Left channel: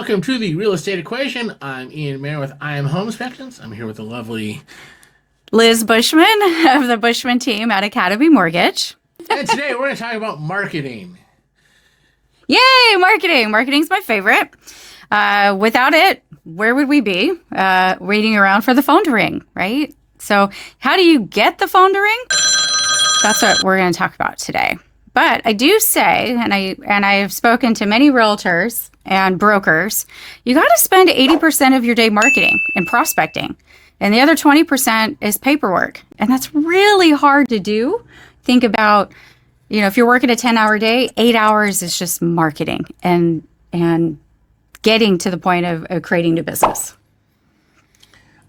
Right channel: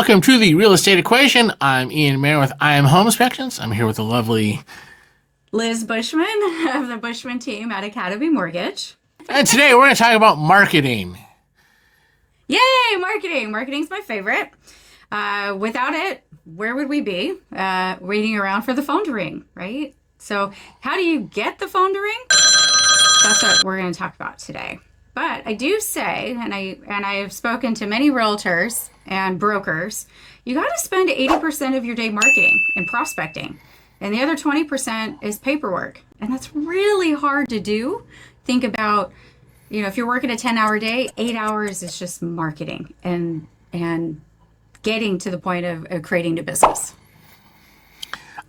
Welcome to the Real Estate Equation. I'm Ian Mayer with I Am Home Inspections. I'm here with the lovely Liz Bushman of the Bushman team at Academy Mortgage. And today we're going to talk about marketing. Yay, marketing. Marketing's my favorite. Without it, where would we be? Waiting around for the phone to ring, right? So how do you get the phone to ring? That's what we're going to talk about today. But I do say, and I have spoken to many realtors and brokers, you got to spend 80% of your day marketing and prospecting. And the other 20% is paperwork. And that's really hard to do. Think about, if you're working a 10-hour day, 8 hours is just marketing and getting to the point of creating new business.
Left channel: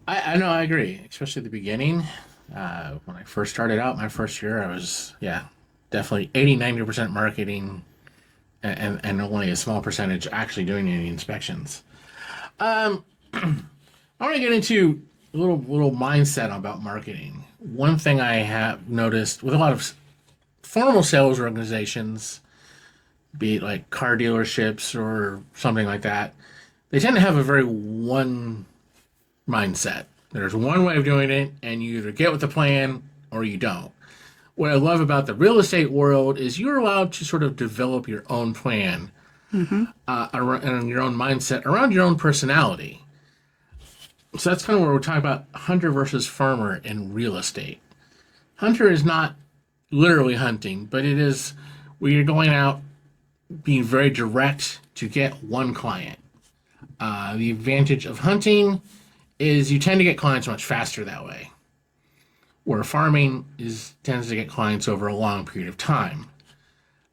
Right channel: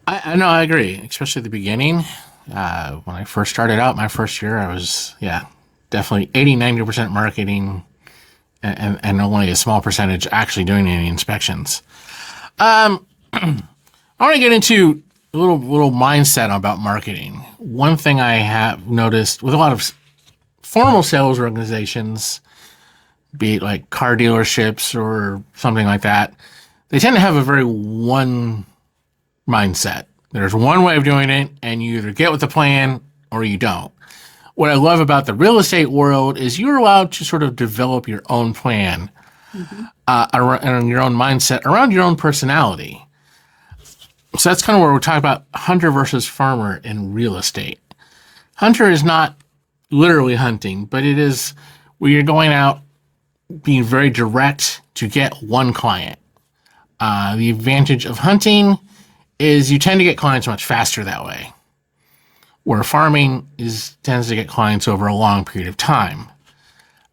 I know, I agree, especially at the beginning. When I first started out, my first year, I was, definitely 80-90% marketing and only a small percentage actually doing any inspections. I want to get into a little mindset about marketing. One thing I have noticed with a lot of formal sales organizations, be it like car dealerships or something like that, they tend to have a very one mindset. There's one way of doing it, and you either get with the plan or you don't. What I love about the real estate world is you're allowed to sort of develop your own plan around your own mindset, around your own personality. So that's kind of where we're talking about hunter versus farmer in real estate. Hunter is not literally hunting, but it is where you're going out being very direct to get one client. The advantage of hunting is you tend to get clients much faster that way, where farming tends to get clients over a long period of time.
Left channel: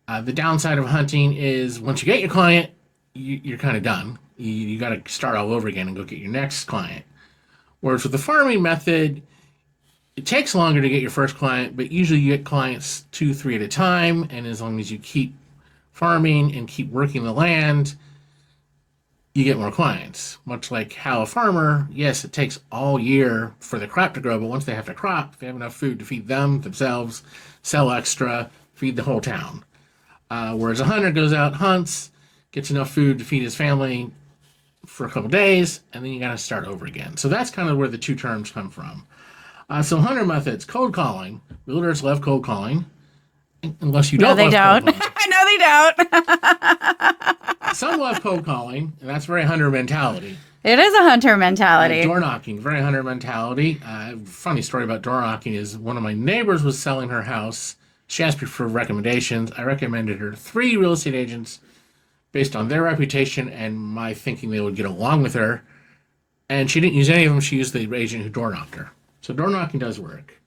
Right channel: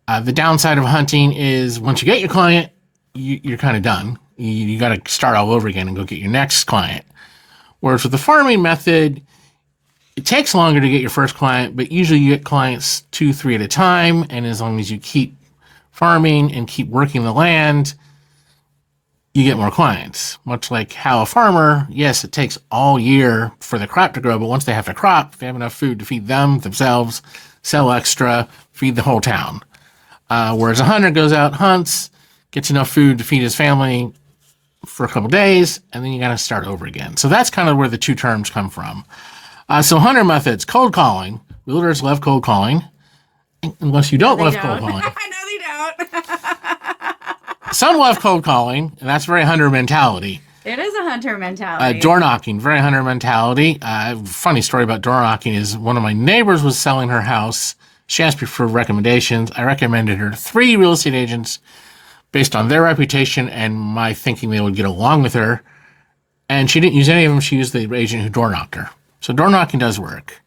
The downside of hunting is once you get your client, you're kind of done. You got to start all over again and go get your next client. Whereas with the farming method, it takes longer to get your first client, but usually you get clients 2-3 at a time. And as long as you keep farming and keep working the land, you get more clients. Much like how a farmer, yes, it takes all year for the crop to grow, but once they have the crop, they have enough food to feed themselves, sell extra, feed the whole town. Whereas a hunter goes out, hunts, gets enough food to feed his family for a couple days, and then you got to start over again. So that's kind of where the two terms come from. So hunter methods, cold calling. Realtors love cold calling, unless you don't love cold calling. No, they don't. Some love cold calling, and that's very hunter mentality. It is a hunter mentality. Door knocking, very hunter mentality. Funny story about door knocking is one of my neighbors was selling her house. She asked me for recommendations. I recommended her 3 real estate agents based on their reputation and my thinking they would get along with her. And she didn't use any of them. She used the agent who door knocked her. So door knocking does work.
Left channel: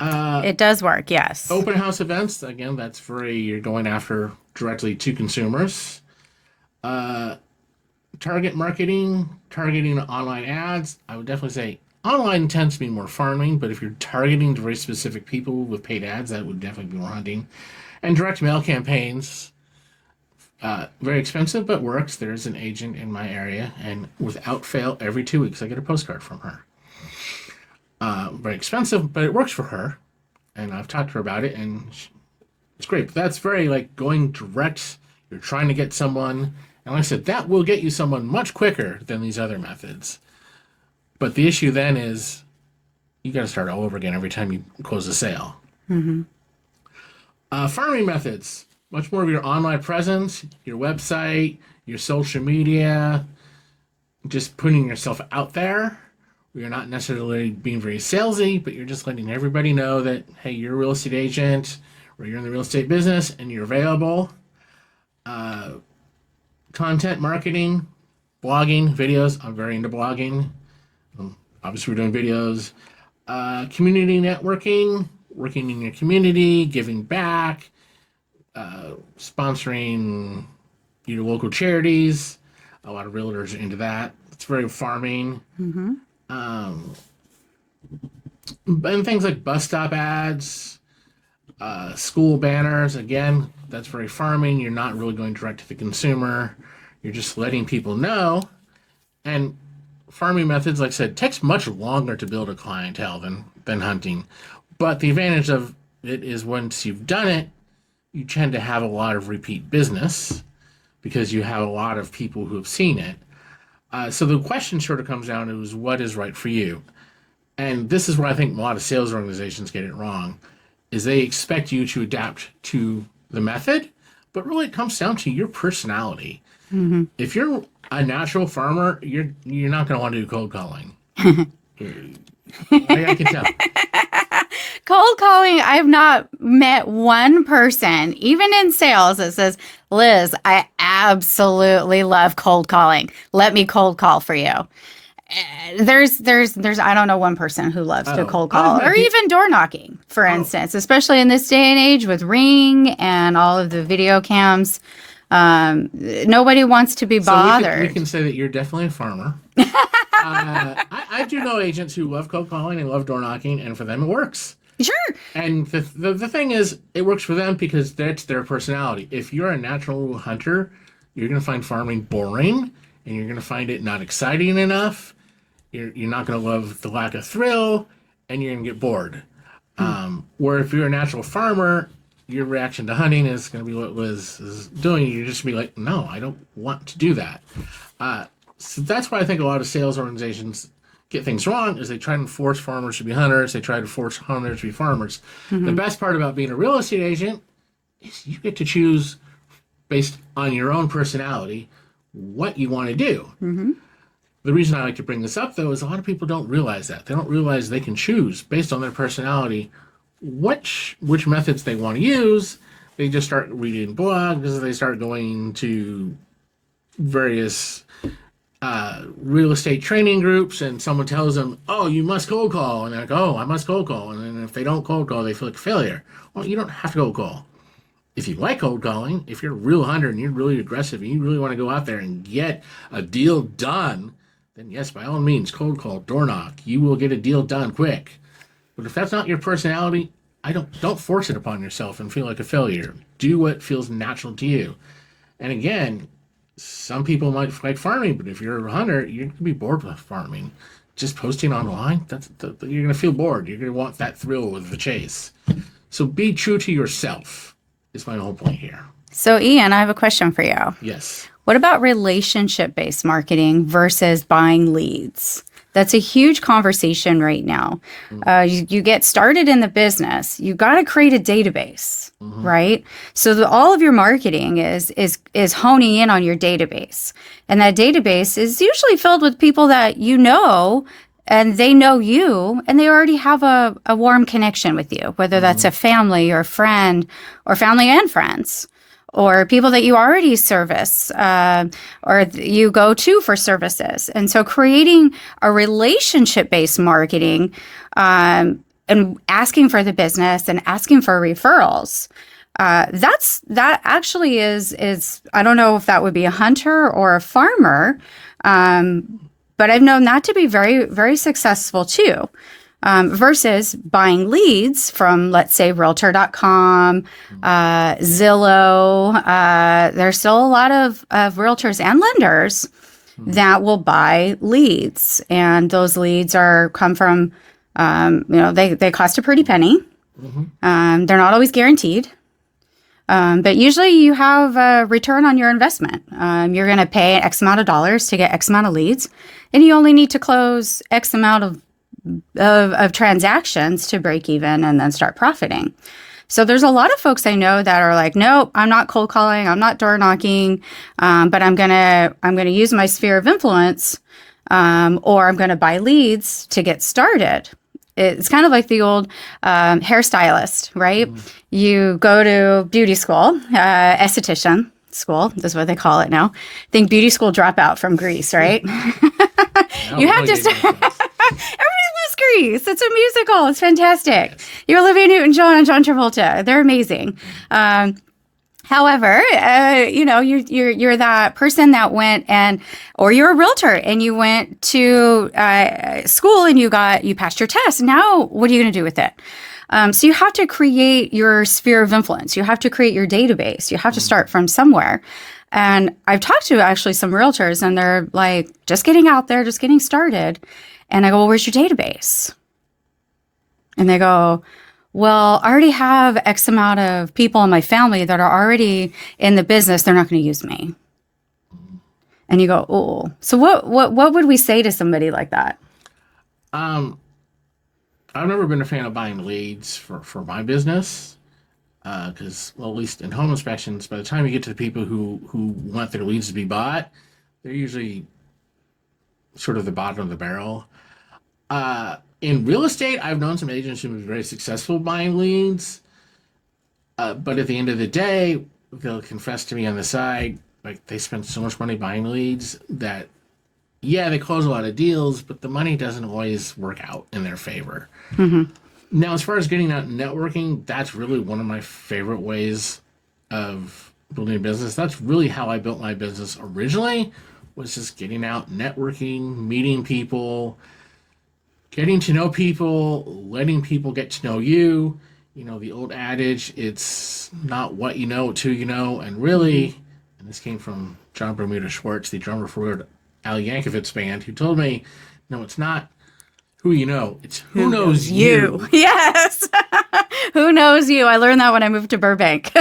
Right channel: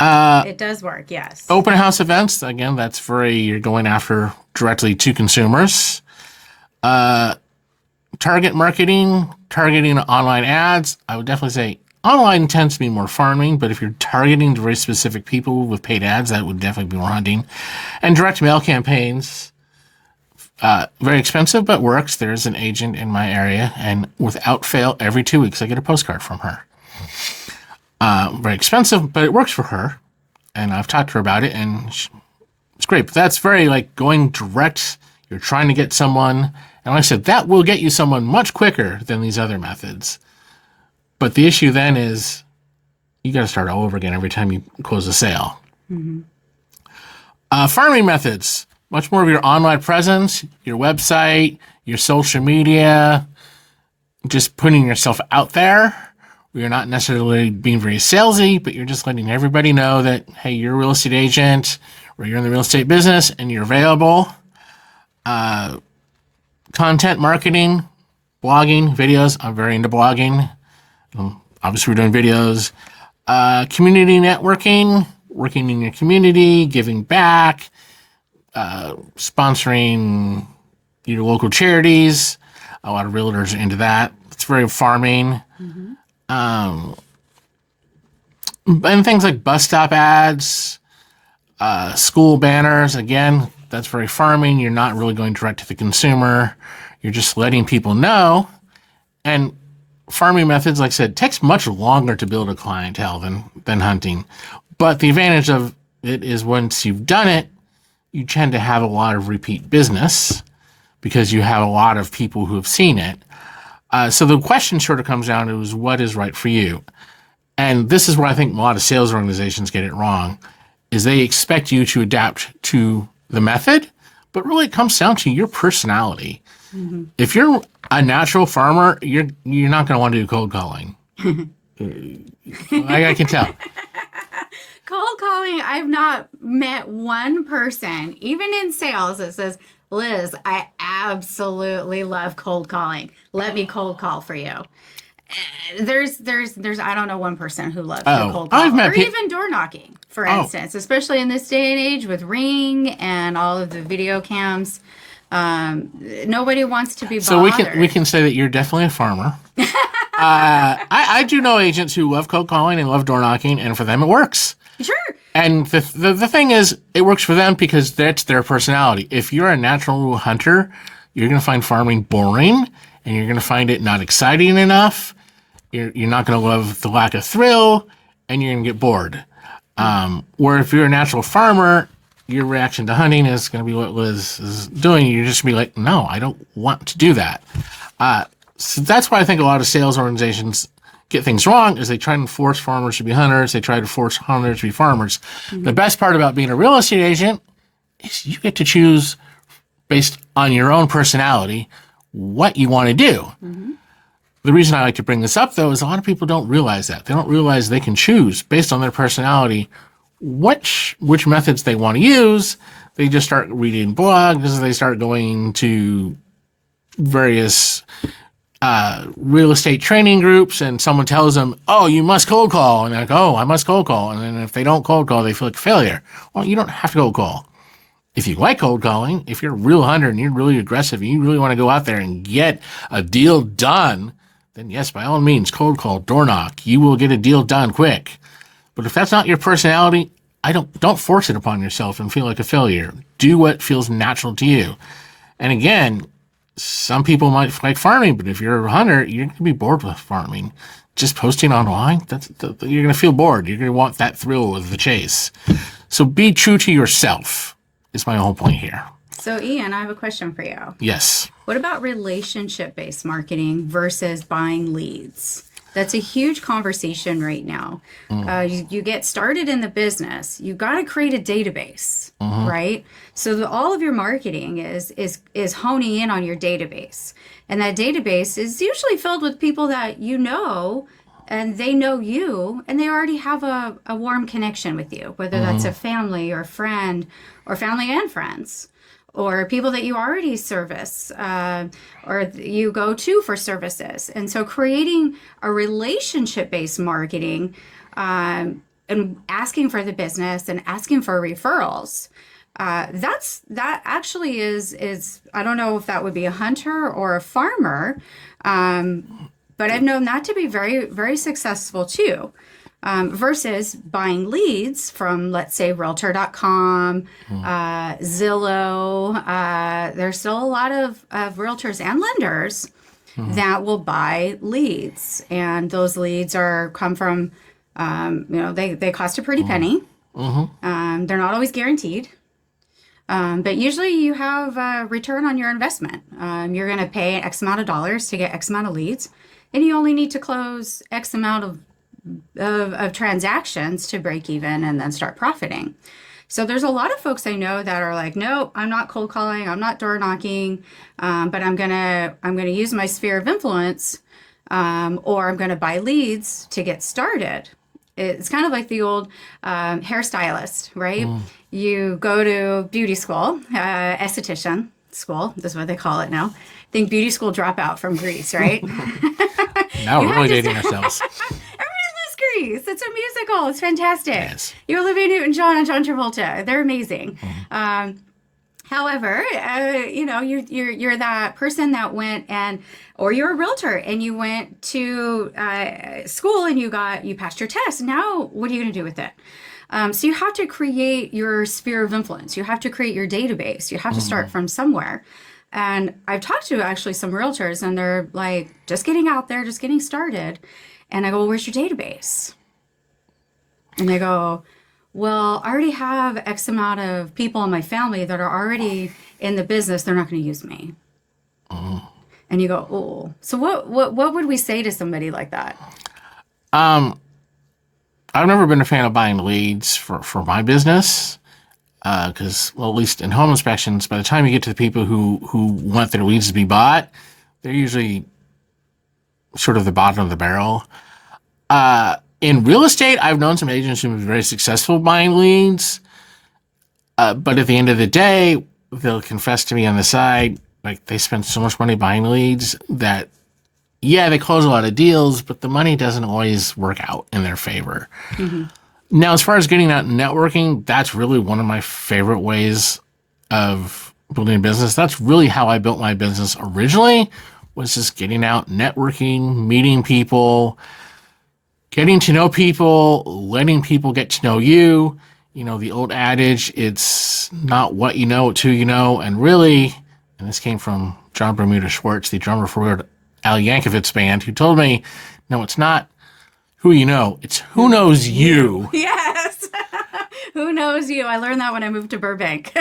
It does work, yes. Open house events, again, that's you're going after directly to consumers. Target marketing, targeting online ads. I would definitely say online tends to be more farming, but if you're targeting very specific people with paid ads, that would definitely be more hunting. And direct mail campaigns, very expensive, but works. There's an agent in my area, and without fail, every 2 weeks I get a postcard from her. Very expensive, but it works for her. And I've talked to her about it, and it's great. But that's very going direct. You're trying to get someone. And like I said, that will get you someone much quicker than these other methods. But the issue then is you got to start all over again every time you close a sale. Mm-hmm. Farming methods, much more of your online presence, your website, your social media, just putting yourself out there. You're not necessarily being very salesy, but you're just letting everybody know that, hey, you're a real estate agent or you're in the real estate business and you're available. Content marketing, blogging, videos. I'm very into blogging. Obviously, we're doing videos. Community networking, working in your community, giving back, sponsoring your local charities. A lot of realtors are into that. It's very farming. Mm-hmm. And things like bus stop ads, school banners, again, that's very farming. You're not really going direct to the consumer. You're just letting people know. And farming methods, like I said, takes much longer to build a clientele than hunting. But the advantage of it is once you've done it, you tend to have a lot of repeat business because you have a lot of people who have seen it. So the question sort of comes down to is what is right for you? And this is where I think a lot of sales organizations get it wrong, is they expect you to adapt to the method, but really it comes down to your personality. If you're a natural farmer, you're not going to want to do cold calling. I can tell. Cold calling, I've not met one person, even in sales, that says, Liz, I absolutely love cold calling. Let me cold call for you. There's I don't know one person who loves to cold call or even door knocking, for instance, especially in this day and age with Ring and all of the video cams. Nobody wants to be bothered. So we can say that you're definitely a farmer. I do know agents who love cold calling and love door knocking, and for them it works. Sure. And the thing is, it works for them because that's their personality. If you're a natural hunter, you're going to find farming boring, and you're going to find it not exciting enough. You're not going to love the lack of thrill, and you're going to get bored. Where if you're a natural farmer, your reaction to hunting is going to be what Liz is doing. You're just going to be like, no, I don't want to do that. So that's why I think a lot of sales organizations get things wrong, is they try and force farmers to be hunters. They try to force hunters to be farmers. The best part about being a real estate agent is you get to choose, based on your own personality, what you want to do. The reason I like to bring this up, though, is a lot of people don't realize that. They don't realize they can choose, based on their personality, which methods they want to use. They just start reading blogs. They start going to various real estate training groups, and someone tells them, oh, you must cold call. And they're like, oh, I must cold call. And then if they don't cold call, they feel like a failure. Well, you don't have to cold call. If you like cold calling, if you're a real hunter and you're really aggressive and you really want to go out there and get a deal done, then yes, by all means, cold call, door knock. You will get a deal done quick. But if that's not your personality, don't force it upon yourself and feel like a failure. Do what feels natural to you. And again, some people might like farming, but if you're a hunter, you're going to be bored with farming. Just posting online, you're going to feel bored. You're going to want that thrill of the chase. So be true to yourself is my whole point here. So, Ian, I have a question for you. Yes. What about relationship-based marketing versus buying leads? That's a huge conversation right now. You get started in the business, you got to create a database, right? So all of your marketing is honing in on your database, and that database is usually filled with people that you know, and they know you, and they already have a warm connection with you, whether that's a family or a friend, or family and friends, or people that you already service or you go to for services. And so creating a relationship-based marketing and asking for the business and asking for referrals, that actually is I don't know if that would be a hunter or a farmer, but I've known that to be very, very successful too. Versus buying leads from, let's say, Realtor.com, Zillow. There's still a lot of realtors and lenders that will buy leads, and those leads come from, they cost a pretty penny. They're not always guaranteed, but usually you have a return on your investment. You're going to pay X amount of dollars to get X amount of leads, and you only need to close X amount of transactions to break even and then start profiting. So there's a lot of folks I know that are like, nope, I'm not cold calling, I'm not door knocking, but I'm gonna use my sphere of influence, or I'm gonna buy leads to get started. It's kind of like the old hairstylist, right? You go to beauty school, esthetician school, that's what they call it now. I think beauty school dropout from Greece, right? Now we're really dating ourselves. Everybody loves Grease. It's a musical. It's fantastic. Yes. You Olivia Newton-John and John Travolta. They're amazing. However, you're that person that went or you're a realtor and you went to school and you passed your test. Now, what are you going to do with it? So you have to create your sphere of influence. You have to create your database. You have to start from somewhere. And I've talked to actually some realtors, and they're like, just getting out there, just getting started. And I go, well, where's your database? And they go, well, I already have X amount of people in my family that are already in the business. They're not going to use me. And you go, oh. So what would we say to somebody like that? Um, I've never been a fan of buying leads for my business because, well, at least in home inspections, by the time you get to the people who want their leads to be bought, they're usually sort of the bottom of the barrel. In real estate, I've known some agents who have been very successful buying leads, but at the end of the day, they'll confess to me on the side, like they spend so much money buying leads that, yeah, they close a lot of deals, but the money doesn't always work out in their favor. Now, as far as getting out and networking, that's really one of my favorite ways of building a business. That's really how I built my business originally, was just getting out, networking, meeting people, getting to know people, letting people get to know you. You know, the old adage, it's not what you know, it's who you know. And really, and this came from John Bermuda Schwartz, the drummer for Al Yankovic's band, who told me, no, it's not who you know, it's who knows you. Yes. Who knows you? I learned that when I moved to Burbank.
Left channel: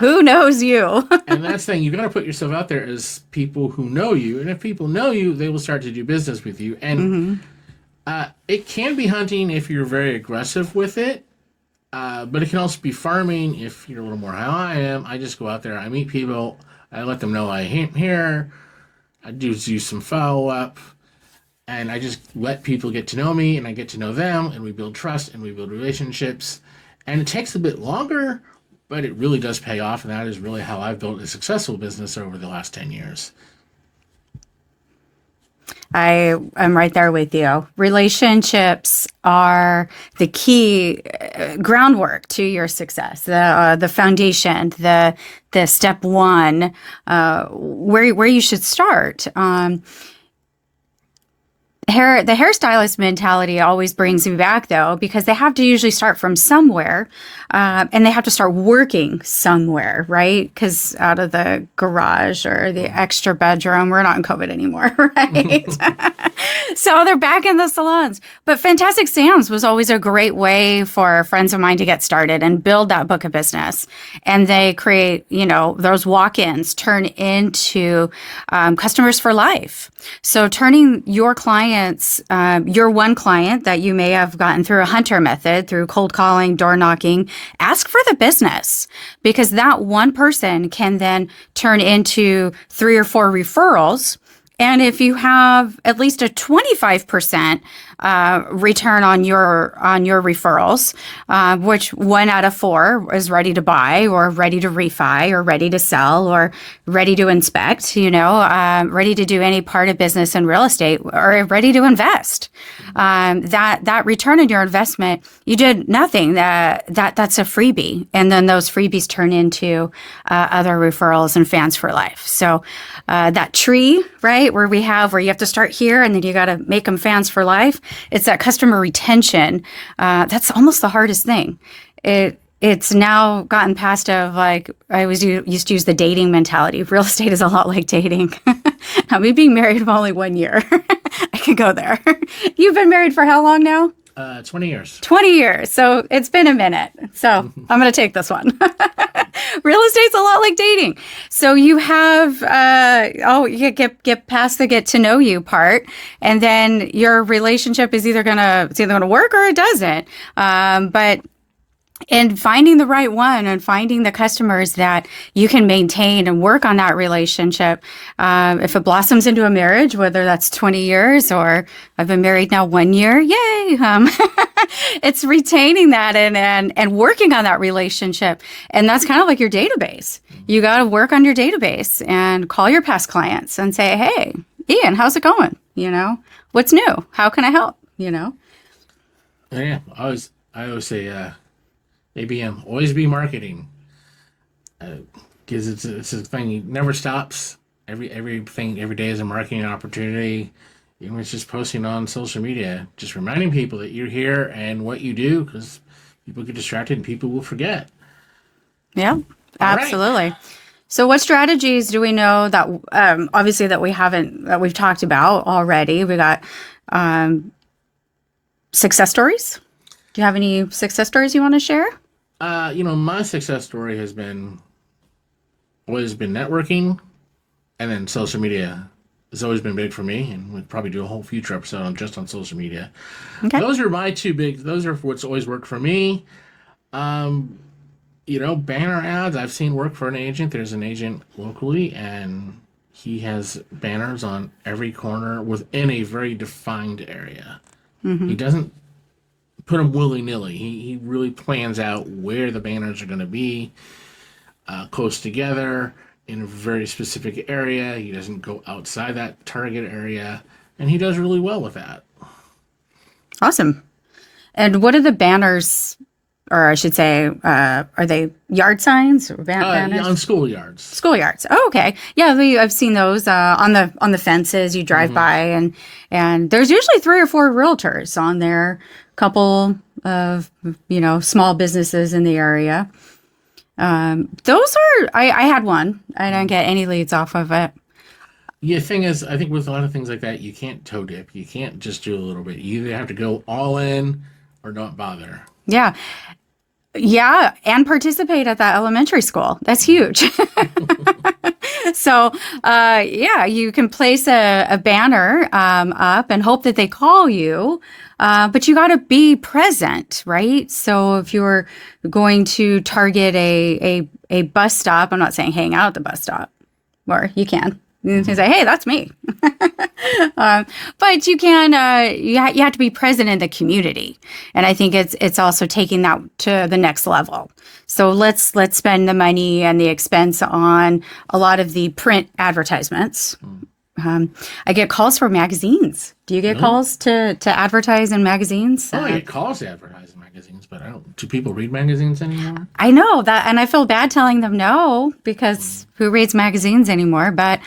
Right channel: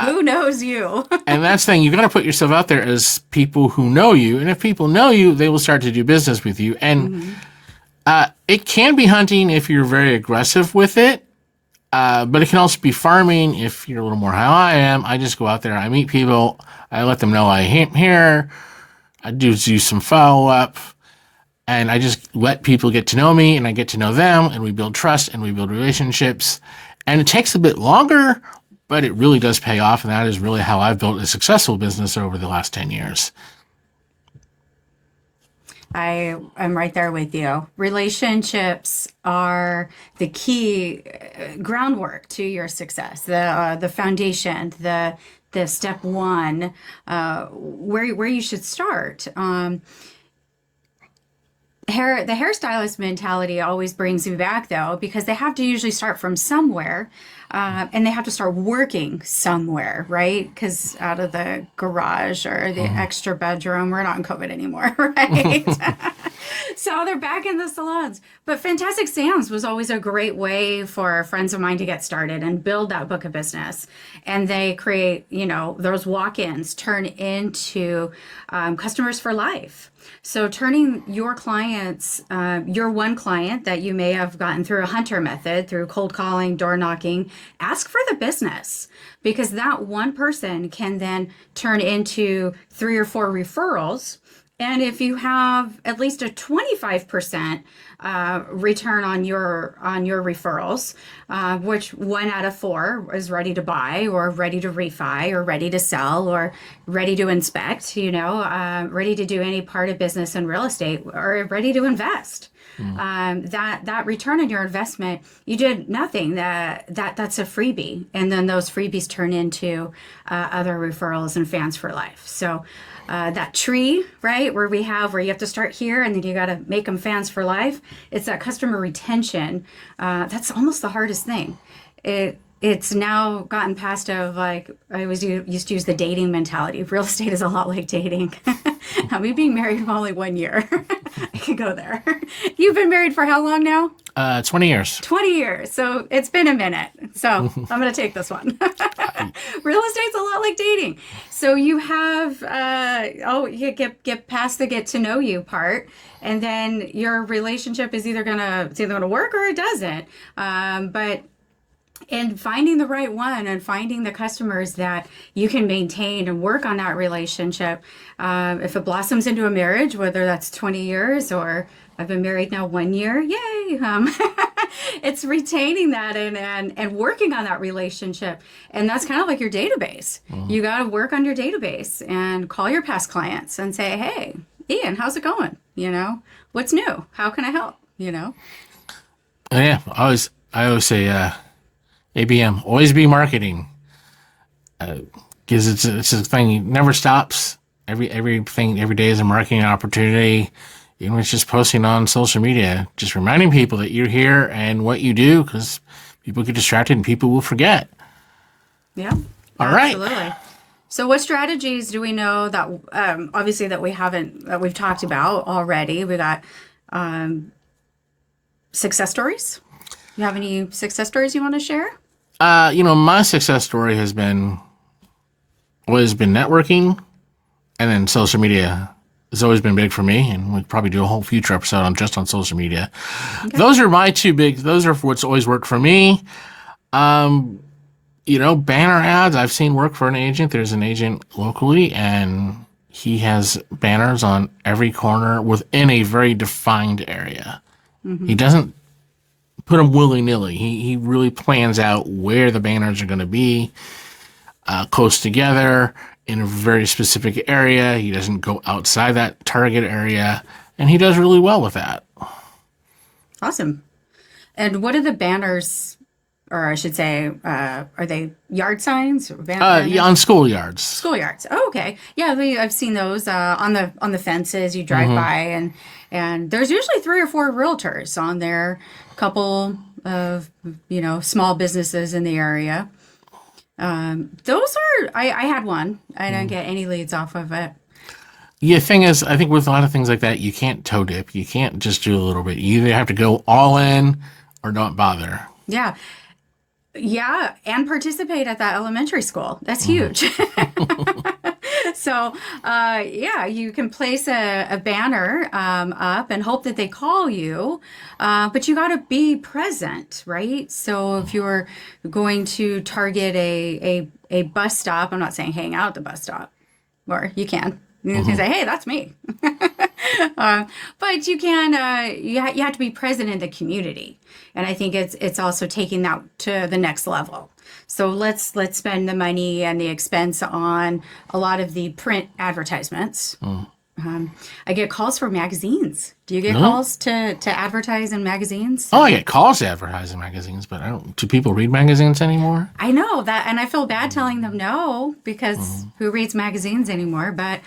Who knows you? And that's the thing, you got to put yourself out there as people who know you. And if people know you, they will start to do business with you. And it can be hunting if you're very aggressive with it. But it can also be farming if you're a little more how I am. I just go out there, I meet people, I let them know I am here, I do some follow-up, and I just let people get to know me, and I get to know them, and we build trust, and we build relationships. And it takes a bit longer, but it really does pay off, and that is really how I've built a successful business over the last 10 years. I am right there with you. Relationships are the key groundwork to your success, the foundation, the step one, where you should start. The hairstylist mentality always brings me back, though, because they have to usually start from somewhere, and they have to start working somewhere, right? Because out of the garage or the extra bedroom, we're not in COVID anymore, right? So they're back in the salons. But Fantastic Sam's was always a great way for friends of mine to get started and build that book of business. And they create, those walk-ins turn into customers for life. So turning your clients, your one client that you may have gotten through a hunter method, through cold calling, door knocking, ask for the business, because that one person can then turn into 3 or 4 referrals. And if you have at least a 25% return on your referrals, which 1 out of 4 is ready to buy or ready to refi or ready to sell or ready to inspect, ready to do any part of business in real estate or ready to invest. That return on your investment, you did nothing. That's a freebie, and then those freebies turn into other referrals and fans for life. So that tree, right, where you have to start here and then you got to make them fans for life. It's that customer retention. That's almost the hardest thing. It's now gotten past of, like, I used to use the dating mentality. Real estate is a lot like dating. Now, me being married for only 1 year, I could go there. You've been married for how long now? 20 years. 20 years. So it's been a minute. So I'm going to take this one. Real estate's a lot like dating. So you have, you get past the get to know you part, and then your relationship is either going to work or it doesn't. And finding the right one and finding the customers that you can maintain and work on that relationship. If it blossoms into a marriage, whether that's 20 years or I've been married now 1 year, yay. It's retaining that and working on that relationship. And that's kind of like your database. You got to work on your database and call your past clients and say, hey, Ian, how's it going? What's new? How can I help? Yeah, I always say, ABM, always be marketing, because it's a thing. It never stops. Everything every day is a marketing opportunity. It's just posting on social media, just reminding people that you're here and what you do, because people get distracted and people will forget. Yeah, All absolutely. Right. So what strategies do we know that obviously that we've talked about already? We got success stories. Do you have any success stories you want to share? My success story has always been networking, and then social media has always been big for me, and we'll probably do a whole future episode on just on social media. Okay. Those are my two big. Those are what's always worked for me. Banner ads, I've seen work for an agent. There's an agent locally, and he has banners on every corner within a very defined area. He doesn't put them willy-nilly. He really plans out where the banners are going to be, close together in a very specific area. He doesn't go outside that target area, and he does really well with that. Awesome. And what are the banners, or I should say, are they yard signs or banners? Yeah, on schoolyards. Schoolyards. Oh, okay. Yeah, I've seen those on the fences. You drive by, and there's usually 3 or 4 realtors on there. Couple of small businesses in the area. Those are. I had one. I didn't get any leads off of it. Yeah, thing is, I think with a lot of things like that, you can't toe dip. You can't just do a little bit. You either have to go all in or don't bother. Yeah. Yeah, and participate at that elementary school. That's huge. So, you can place a banner up and hope that they call you, but you got to be present, right? So if you're going to target a bus stop, I'm not saying hang out at the bus stop, or you can. You can say, hey, that's me. But you can, you have to be present in the community. And I think it's also taking that to the next level. So let's spend the money and the expense on a lot of the print advertisements. I get calls for magazines. Do you get calls to advertise in magazines? Oh, I get calls to advertise in magazines, but do people read magazines anymore? I know that, and I feel bad telling them no, because who reads magazines anymore? But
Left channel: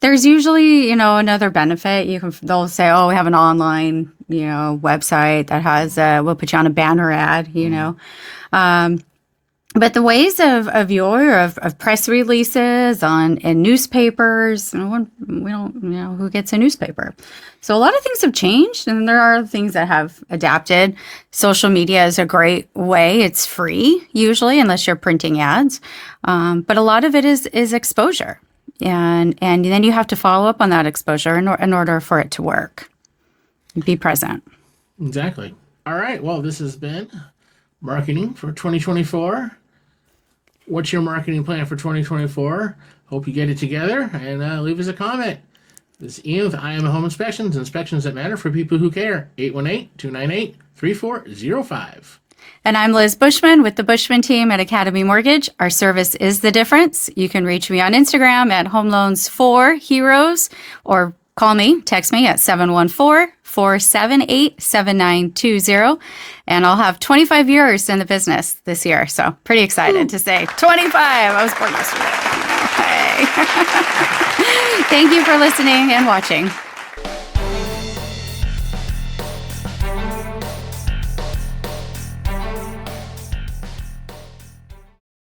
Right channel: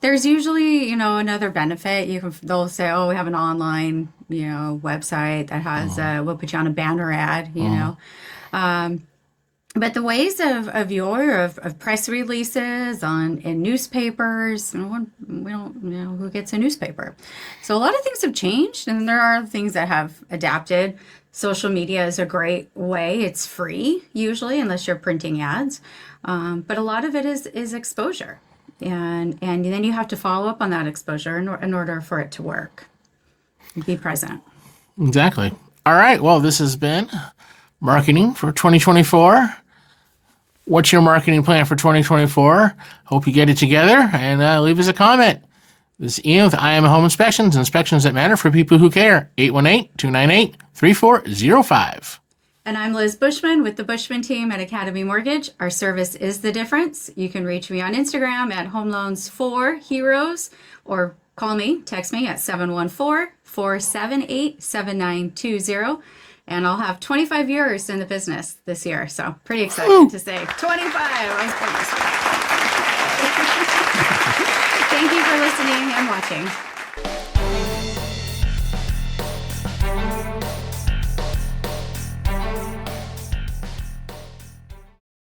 there's usually, another benefit. They'll say, oh, we have an online, website that has, we'll put you on a banner ad, But the ways of press releases in newspapers, we don't know who gets a newspaper. So a lot of things have changed, and there are things that have adapted. Social media is a great way. It's free usually, unless you're printing ads. But a lot of it is exposure, and then you have to follow up on that exposure in order for it to work. Be present. Exactly. All right. Well, this has been Marketing for 2024. What's your marketing plan for 2024? Hope you get it together, and leave us a comment. This is Ian with I Am Home Inspections that matter for people who care. 818-298-3405. And I'm Liz Bushman with the Bushman team at Academy Mortgage. Our service is the difference. You can reach me on Instagram at Home Loans for Heroes, or text me at 714-478-7920. And I'll have 25 years in the business this year. So pretty excited to say 25. I was born yesterday. Okay. Thank you for listening and watching.